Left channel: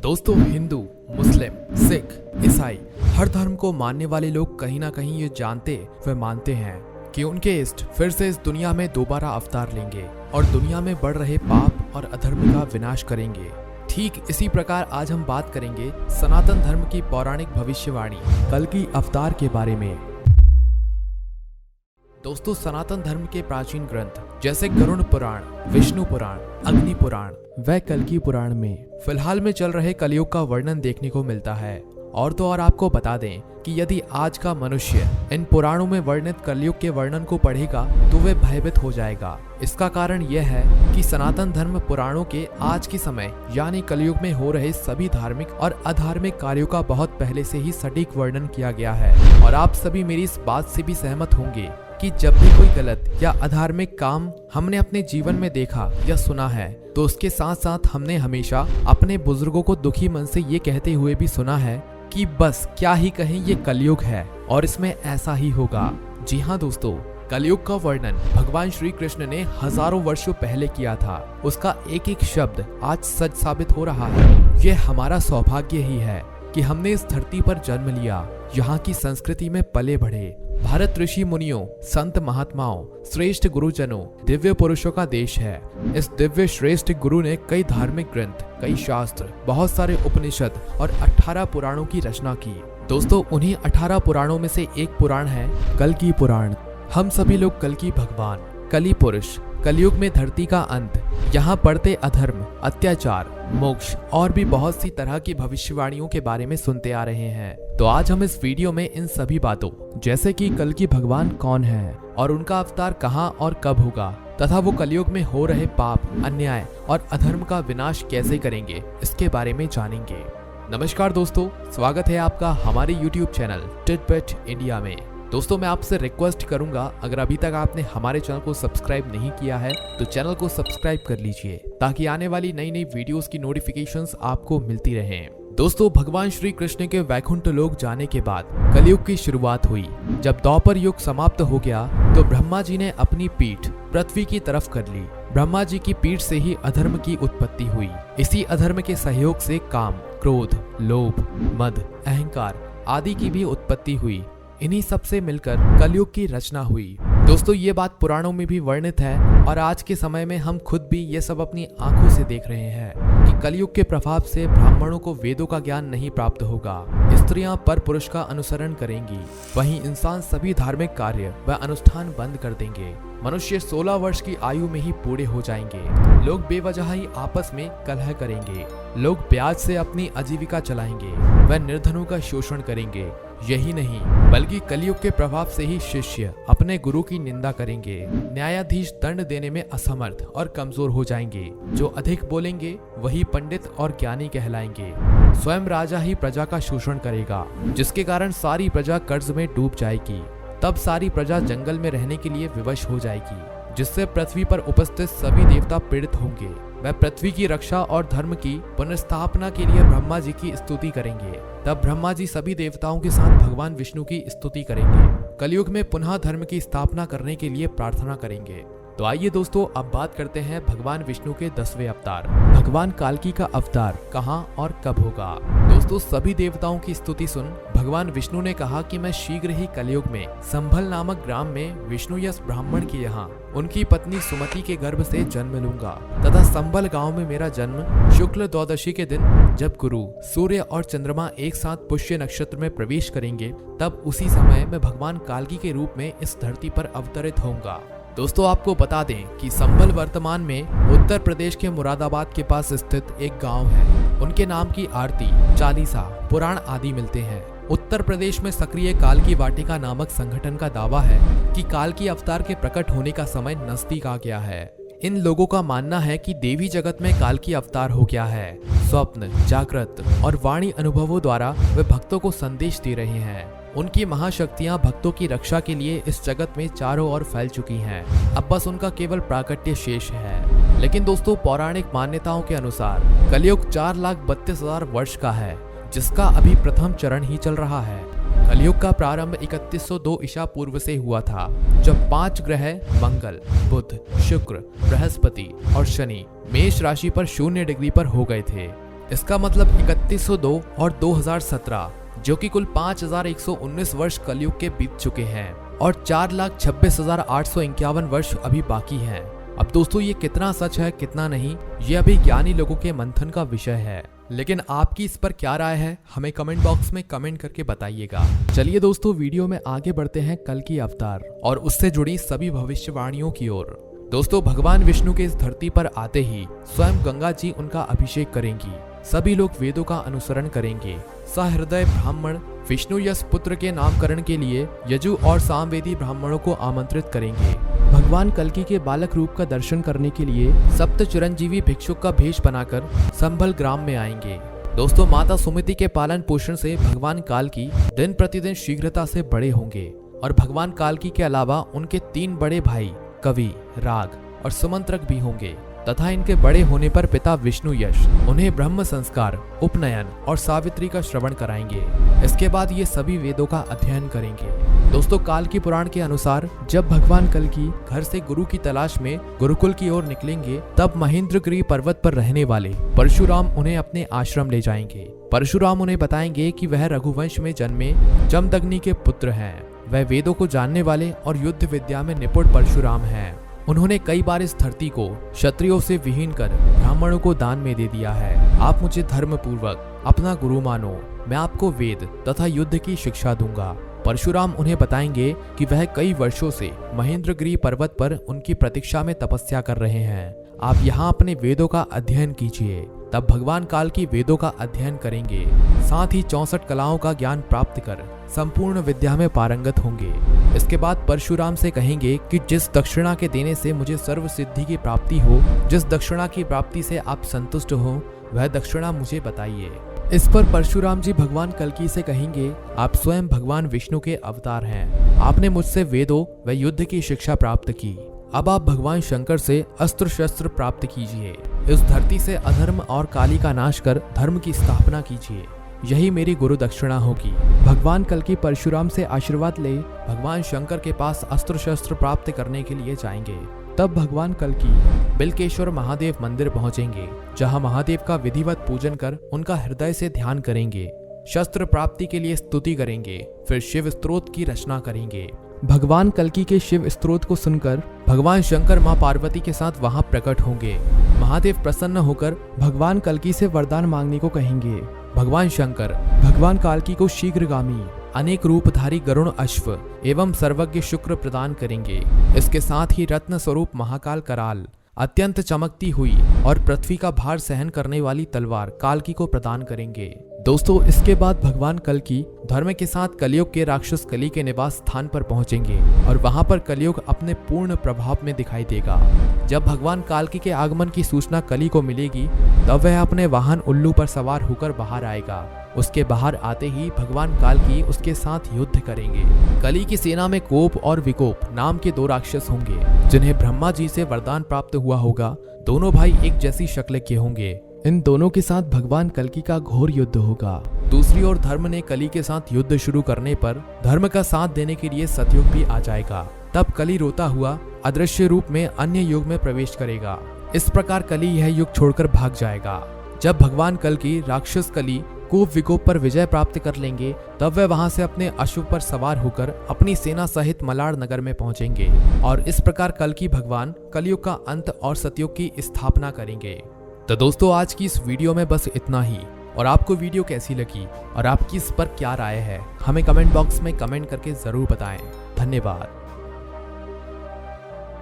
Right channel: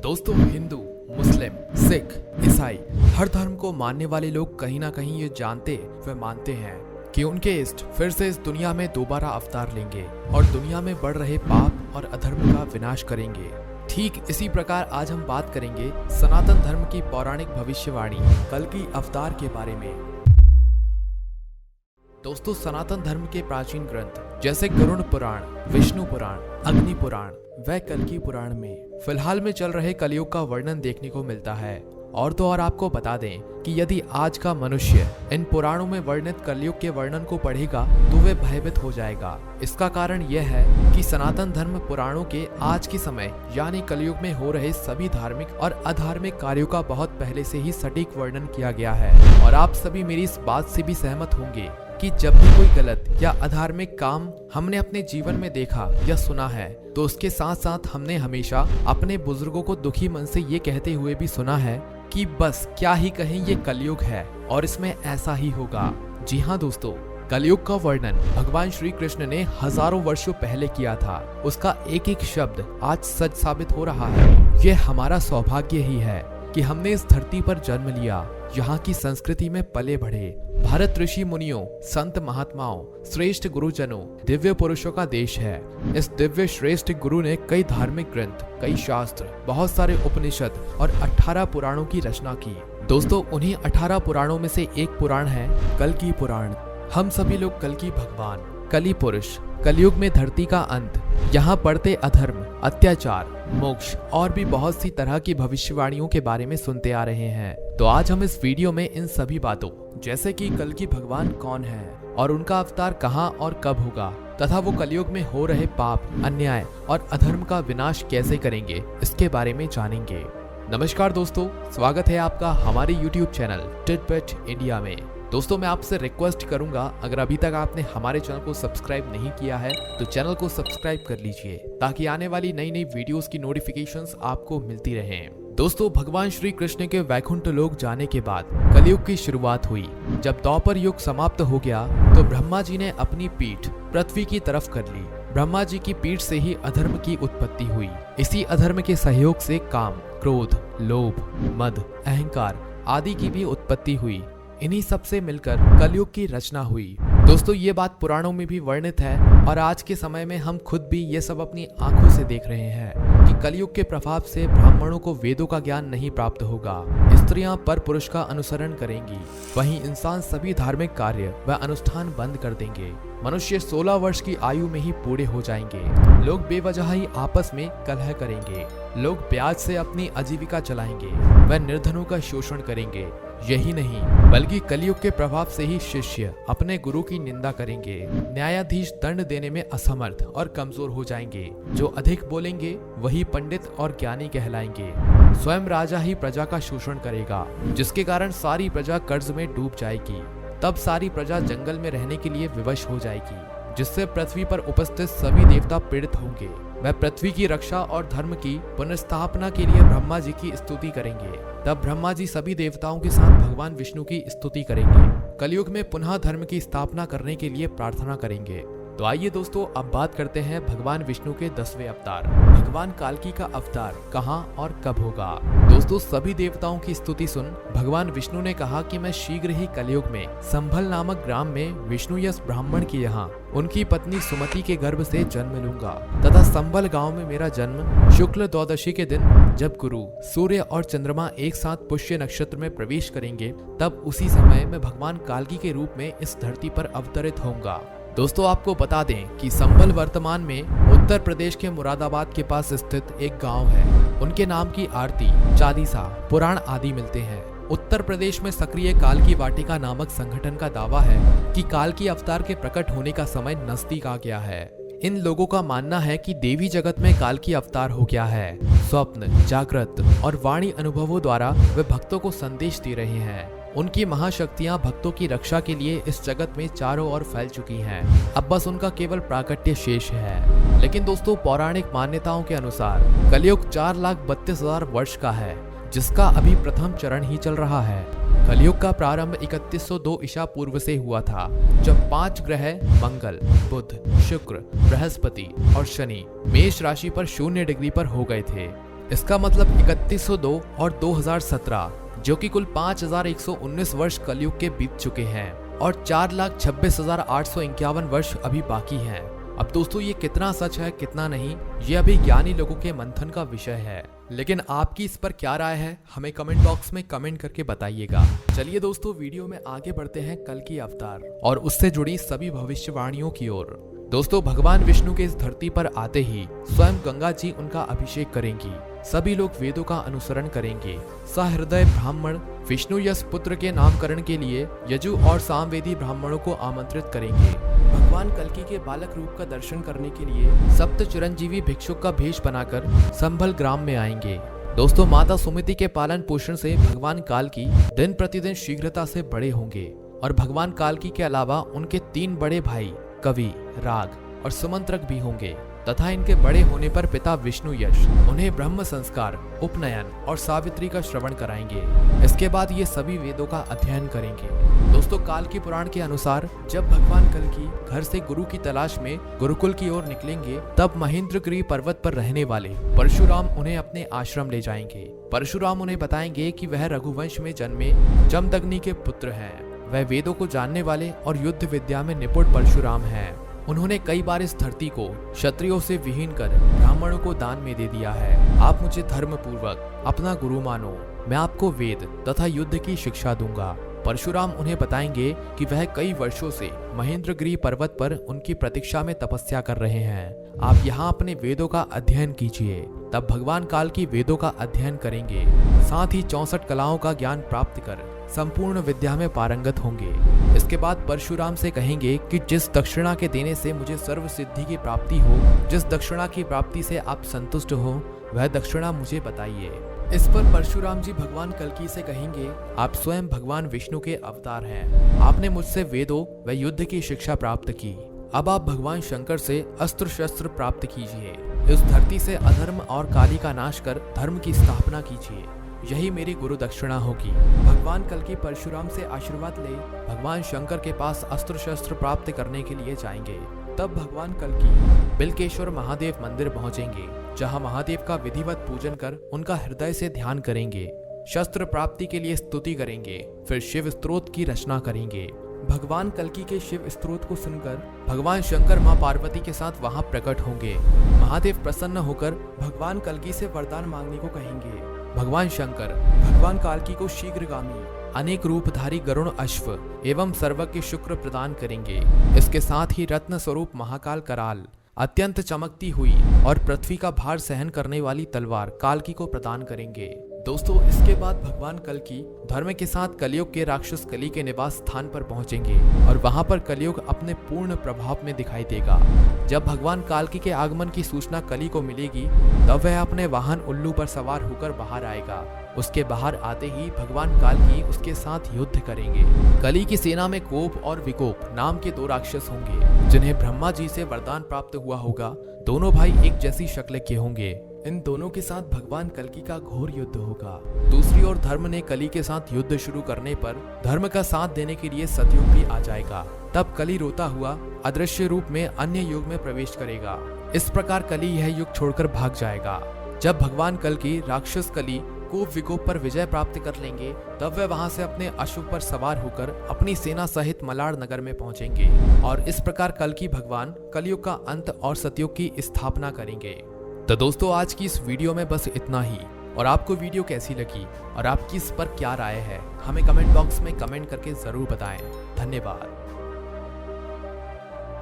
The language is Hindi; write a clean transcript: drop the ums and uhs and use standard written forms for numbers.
दोस्तों, हिंदू, मुस्लिम, सिख, ईसाई हर धर्म को मानने वाले लोग कहीं ना कहीं ये जानते व मानते हैं कि उनके इष्ट फिर से इस दुनिया में दोबारा अवतार लेंगे और दुनिया में बढ़ रहे पाप और अधर्म का विनाश करेंगे। ठीक इसी प्रकार आज हम बात करेंगे सनातन धर्म की पौराणिक भविष्यवाणी कल्कि अवतार के बारे में। दोस्तों, सनातन धर्म के प्राचीन ग्रंथ जैसे गरुड़ पुराण, विष्णु पुराण, अग्नि पुराण व कल्कि पुराण में फिलहाल में चल रहे कलयुग का वर्णन देखने को मिलता है। और तो और आपको बता दें कि यदि आज का मनुष्य इन पुराणों में वर्णित कलयुग के वर्णन को पढ़ेगा तो वह भयभीत हो जाएगा। इसका कारण यह है कि सनातन धर्म पुराणों के आज के समय यानी कलयुग में हो रहे सभी धार्मिक और अधार्मिक कार्यों का बहुत पहले से ही सटीक वर्णन किया गया है। और आप सभी मेरी इस बात से भी सहमत होंगे कि जब भी कोई गलत या अधार्मिक काम हमने अपने जीवन में देखा या सुना है तो उसके साथ साथ हमने हमेशा अपने बुजुर्गों को दुखी मन से ये कहते हुए भी सुना है कि बस क्या ही कहें, ये कलयुग है और इसमें ऐसा ही होगा। जी हाँ दोस्तों, कलयुग का वर्णन भगवान श्री कृष्ण ने हजारों वर्षों पहले किया था। उसका एक एक शब्द आज सच साबित हो रहा है। यह हमारा सौभाग्य ही है कि हमने इस धरती पर जन्म लिया, यहाँ की संस्कृति में पले बढ़े। भारत ऋषि मुनियों, संत महात्माओं, श्रेष्ठ गुरुजनों, दिव्य पुरुषों का देश है। इस दिव्य श्रेष्ठ गुरु ने कई धार्मिक ग्रंथ, कई शास्त्र, बहुत सारे उपनिषद और 18 पुराणों की रचना की। दोस्तों, उन्हीं 18 पुराणों में से एक पुराण है कल्कि पुराण। हम सभी लोग कल्कि भगवान, कलि पुरुष, कलयुग में धरती का अंत, यहाँ बढ़ते अधर्म, अत्याचार, मोक्ष और भी बहुत सी तरह की भविष्यवाणियों के बारे में सुनते आ रहे हैं। तो आज हम इस वीडियो में इन सभी बातों जैसे कि कल्कि भगवान कौन है और उनका अवतार कहाँ और कब होगा तथा वो कलयुग में हो रहे पाप, अन्याय और अधर्म का विनाश कैसे करेंगे, इसके बारे में जानेंगे। नमस्कार दोस्तों, स्वागत है आपका हमारे YouTube चैनल टिटबिट इंडिया में। दोस्तों, मैं आपसे रिक्वेस्ट करूंगा, अगर अभी तक आपने हमारे चैनल को सब्सक्राइब नहीं किया है तो चैनल को सब्सक्राइब कर लीजिए ताकि आने वाली नई नई वीडियोस की नोटिफिकेशंस आपको मिलती रहें। दोस्तों, भगवान श्री कृष्ण के वैकुंठ लोक जाने के बाद कलयुग की शुरुआत हुई। जब द्वापर युग समाप्त हो गया तो ब्रह्मा जी ने अपनी पीठ पृथ्वी की तरफ कर ली। ब्रह्मा जी की पीठ से ही अधर्म की उत्पत्ति हुई। इसी अधर्म के सहयोग से काम, क्रोध, लोभ, मद, अहंकार आदि की भी उत्पत्ति हुई। इन्हीं सब से मिलकर कलयुग की रचना हुई। दोस्तों, ये बात पुराणों में भी वर्णित है और आज के समय में हम खुद भी ये सब अपनी आंखों से देख रहे हैं कि कलयुग के प्रभाव से ब्राह्मणों को वेदों का ज्ञान नहीं प्राप्त होगा। स्त्रियां पर पुरुष का अनुसरण करेंगी, वहीं इंसान सभी धार्मिक कार्य व अनुष्ठान बंद कर देंगे। मनुष्य 16 वर्ष की आयु में ही बूढ़े हो जाएंगे। लोग बेवजह ही आपस में कलह करेंगे। लोग ब्याज से अपनी आजीविका चलाएंगे व निर्धनों का शोषण करेंगे। यही नहीं बल्कि कलयुग के प्रभाव से ही शिष्य अपने गुरु की निंदा करेंगे। न्यायाधीश दंड देने में असमर्थ और कमजोर हो जाएंगे। जो अधिक बोलेंगे वही पंडित और ज्ञानी कहलाएंगे। स्वयं राजा ही प्रजा का शोषण करेगा, जिसके कारण सारी प्रजा कर्ज में डूब जाएगी। तब सारी प्रजा जंगल में रहने के लिए विवश हो जाएगी, जिससे पृथ्वी पर उपस्थित सभी देवता पीड़ित होंगे। वह पृथ्वी की रक्षा और धर्म की पुनर्स्थापना के लिए ब्रह्मा जी की स्तुति करेंगे। तब ब्रह्मा जी सभी देवताओं के साथ भगवान विष्णु की स्तुति करेंगे। कलयुग में पुनः धर्म की स्थापना करने के लिए प्रार्थना करेंगे। तो आइए दोस्तों, अब बात करते हैं भगवान विष्णु के 10वें अवतार भगवान काल्कि का अवतार कहां और कब होगा। दोस्तों, सभी देवताओं की स्तुति सुन भगवान विष्णु ने कहा कि मैं शीघ्र ही कलयुग में संभल नामक ग्राम में विष्णु यस ब्राह्मण के यहाँ उनकी पत्नी सुमति के गर्भ से जन्म लूंगा तथा संभल गांव में मेरा जन्म शुक्ल द्वादशी के दिन जब गुरु, सूर्य और चंद्रमा एक साथ पुष्य नक्षत्र में प्रवेश करेंगे, तब उसी समय मैं भगवान काल्कि के रूप में इस धरती पर अवतरित होऊंगा। दोस्तों, आपको बता दें कि संभल वर्तमान में उत्तर प्रदेश के मुरादाबाद के पास स्थित एक गांव है। उनके नाम की आरती, चालीसा, पुराण आदि मिलते हैं। उत्तर प्रदेश में सक्रिय काल्कि वाटिका नामक संगठन का दावा है कि काल्कि अवतार के प्रकट होने का समय नजदीक आ गया है। इन लोगों का मानना है कि देवी जगत में काल्कि अवतार हो गया है। स्वप्न, जागृत और वाणी अनुभवों द्वारा वे भक्तों को संदेश दे रहे हैं। उनकी महाशक्तियां भक्तों की रक्षा के लिए इस जगत में चारों ओर फैल चुकी हैं। अब बस उनका केवल प्राकट्य शेष है। लेकिन दोस्तों, पौराणिक मान्यताओं के अनुसार कलयुग 4,32,000 वर्ष का है, जिसका अभी प्रथम चरण ही चल रहा है। कलयुग का प्रारंभ 3102 ईसा पूर्व से हुआ था, जब 5 ग्रह मंगल, बुध, शुक्र, बृहस्पति और शनि मेष राशि पर 0 डिग्री पर हो गए थे। इसका मतलब 3102 और 2017, जो कि कुल 5119 वर्ष कलयुग के बीत चुके हैं और 4,26,851 वर्ष अभी बाकी हैं। अब दोस्तों ये कितना सच है कितना नहीं, ये अभी ज्ञानी लोगों के मंथन का विषय है, लेकिन आपकी इस पर क्या राय है हमें कमेंट बॉक्स में कमेंट करके बताइएगा। चलिए दोस्तों वीडियो में आगे बढ़ते हैं कल की अवतार और उससे जुड़ी सभी भविष्यवाणियों की ओर। दोस्तों भगवान विष्णु के इस धरती पर आते ही स्वयं गंगा जी उनका अभिषेक करेंगी। सभी लोग वेदों का अनुसरण करेंगे। सहृदय ब्राह्मण विष्णु यश पुत्र के नामकरण के लिए यजु और सामवेदी ब्राह्मणों को आमंत्रित करेंगे। भगवान कल्कि के बालक रूप का दर्शन करने के लिए सप्त चिरंजीवी भिक्षुक का भेष बनाकर संभल ग्राम में आएंगे। दोस्तों माता सुमति के पालन पोषण से भगवान काल्की दिन प्रतिदिन शीघ्रता से बड़े होंगे और भगवान काल्की के अलावा उनके 3 बड़े भाई कवि, राग और सुमंत्रक भी होंगे तथा इनके बड़े होने पर पिता विष्णु यश उन्हें ब्रह्म संस्कार, उपनयन और सावित्री का श्रवण कराएंगे। इसके बाद ये सभी वेदों का अध्ययन करेंगे। दोस्तों काल्की पुराण के अनुसार जब भगवान कल्कि घर से गुरु की तलाश में गुरुकुल की ओर निकलेंगे, तब महेंद्रगिरी पर्वत पर रहने वाले परशुराम उन्हें अपने आश्रम ले जाएंगे। परशुराम उन्हें बताएंगे कि वह रघुवंश में जन्मे जमदग्नि के पुत्र हैं। वह वेदों को जानने वाले और युद्ध विद्या में निपुण परशुराम हैं। उन्होंने कई बार इस धरती को क्षत्रियों से विहीन कर ब्राह्मणों को दान में दे दिया है। आप मुझे धर्म पूर्वक अपना गुरु मानो, मैं आपको वेद तथा युद्ध की शिक्षा दूंगा। परशुराम उन्हें बताएंगे कि वह कई वर्षों से महेंद्रगिरी पर्वत पर उनकी प्रतीक्षा में तपस्या कर रहे हैं। आप यहाँ अपने वेदों का अध्ययन कीजिए। तब भगवान काल्की वेदों का अध्ययन करेंगे, साथ ही 64 कलाओं का ज्ञान प्राप्त कर संपूर्ण विद्या में पारंगत होंगे। इसके बाद परशुराम से कहेंगे कि जिस दक्षिणा के देने से मुझे सर्व सिद्धि की प्राप्ति हो, जिस दक्षिणा की प्राप्ति से आप संतुष्ट हो, वह दक्षिणा मुझे बताइए। इस पर परशुराम जी भगवान कल्कि से कहेंगे, आप स्वयं भगवान विष्णु के अवतार हैं। आपने मुझसे वेदों व युद्ध की शिक्षा प्राप्त की। अब आप भगवान शंकर से अस्त्र शस्त्र प्राप्त कीजिए। इस धरती से अधर्म और काली का नाश कर धर्म की स्थापना कीजिए। यही मेरी गुरु दक्षिणा होगी। भगवान कल्कि परशुराम से आशीर्वाद ले भगवान शंकर के पास अस्त्र शस्त्र प्राप्त करने के लिए जाएंगे। तब भगवान कल्कि बिल्केश्वर महादेव मंदिर पहुंचेंगे, जहां महादेव का विधिवत पूजन कर उनका हृदय से ध्यान करेंगे। शस्त्र प्राप्ति के लिए स्तुति करेंगे, फिर शिव स्तोत्र की रचना करेंगे। भगवान कल्कि के शिव स्तोत्र को सुनकर भगवान शंकर मां पार्वती के साथ वहां प्रकट होंगे। महादेव प्रसन्न होकर भगवान कल्कि से वरदान मांगने को कहेंगे। भगवान शंकर भगवान काल्की को शीघ्रगामी अनेक रूपधारी गरुण अश्व एवं सर्वज्ञ शुक्र प्रदान करेंगे। इसके साथ ही रत्न स्वरूप महाकाल कराल, अत्यंत चमकती हुई और पृथ्वी का भार सहन करने वाली तलवार काल्की को प्रदान करेंगे। दोस्तों इसके बाद भगवान कल्कि धर्म के साथ कलयुग के राक्षस कली के निवास स्थान पर पहुंचेंगे और वहां पर कलयुग अपने पूर्ण प्रभाव में दिखाई देगा। जब भगवान काल्कि के आगमन की सूचना कली को मिलेगी, तब वह अपने वाहन उल्लू पर सवार होकर बाहर आएगा। उसके बाहर आते ही भगवान काल्कि उसके साथ युद्ध करेंगे। कली की सेना में कोप और विकोप नाम के 2 राक्षस होंगे, जिन्हें ब्रह्मा जी से वरदान प्राप्त हुआ होगा। दोनों भाई एक जैसी शक्ल के होंगे। इन दोनों के साथ भगवान कल्कि का घोर युद्ध होगा। दूसरी ओर धर्म ने कली के साथ युद्ध शुरू करने पर धर्म का साथ देने के लिए सतयुग भी आ जाएगा। तब कली रोता हुआ अदृश्य रूप में अन्य युग में प्रवेश करेगा। इस प्रकार कली यह युग छोड़कर भाग जाएगा। जब भगवान कल्कि राक्षस कली कोप विकोप पर विजय प्राप्त कर लेंगे, तब वे वहां से अपने अश्व पर सवार होकर अपनी सेना सहित मलाड़ नगर में पहुंचेंगे और इस प्रकार कल्कि भगवान कलयुग का अंत और सतयुग की स्थापना करेंगे। तो दोस्तों आज की इस वीडियो में बस इतना ही। और आपको वीडियो कैसी लगी और आपकी इस पर क्या राय है, हमें कमेंट बॉक्स में कमेंट करके जरूर बताएं। धन्यवाद।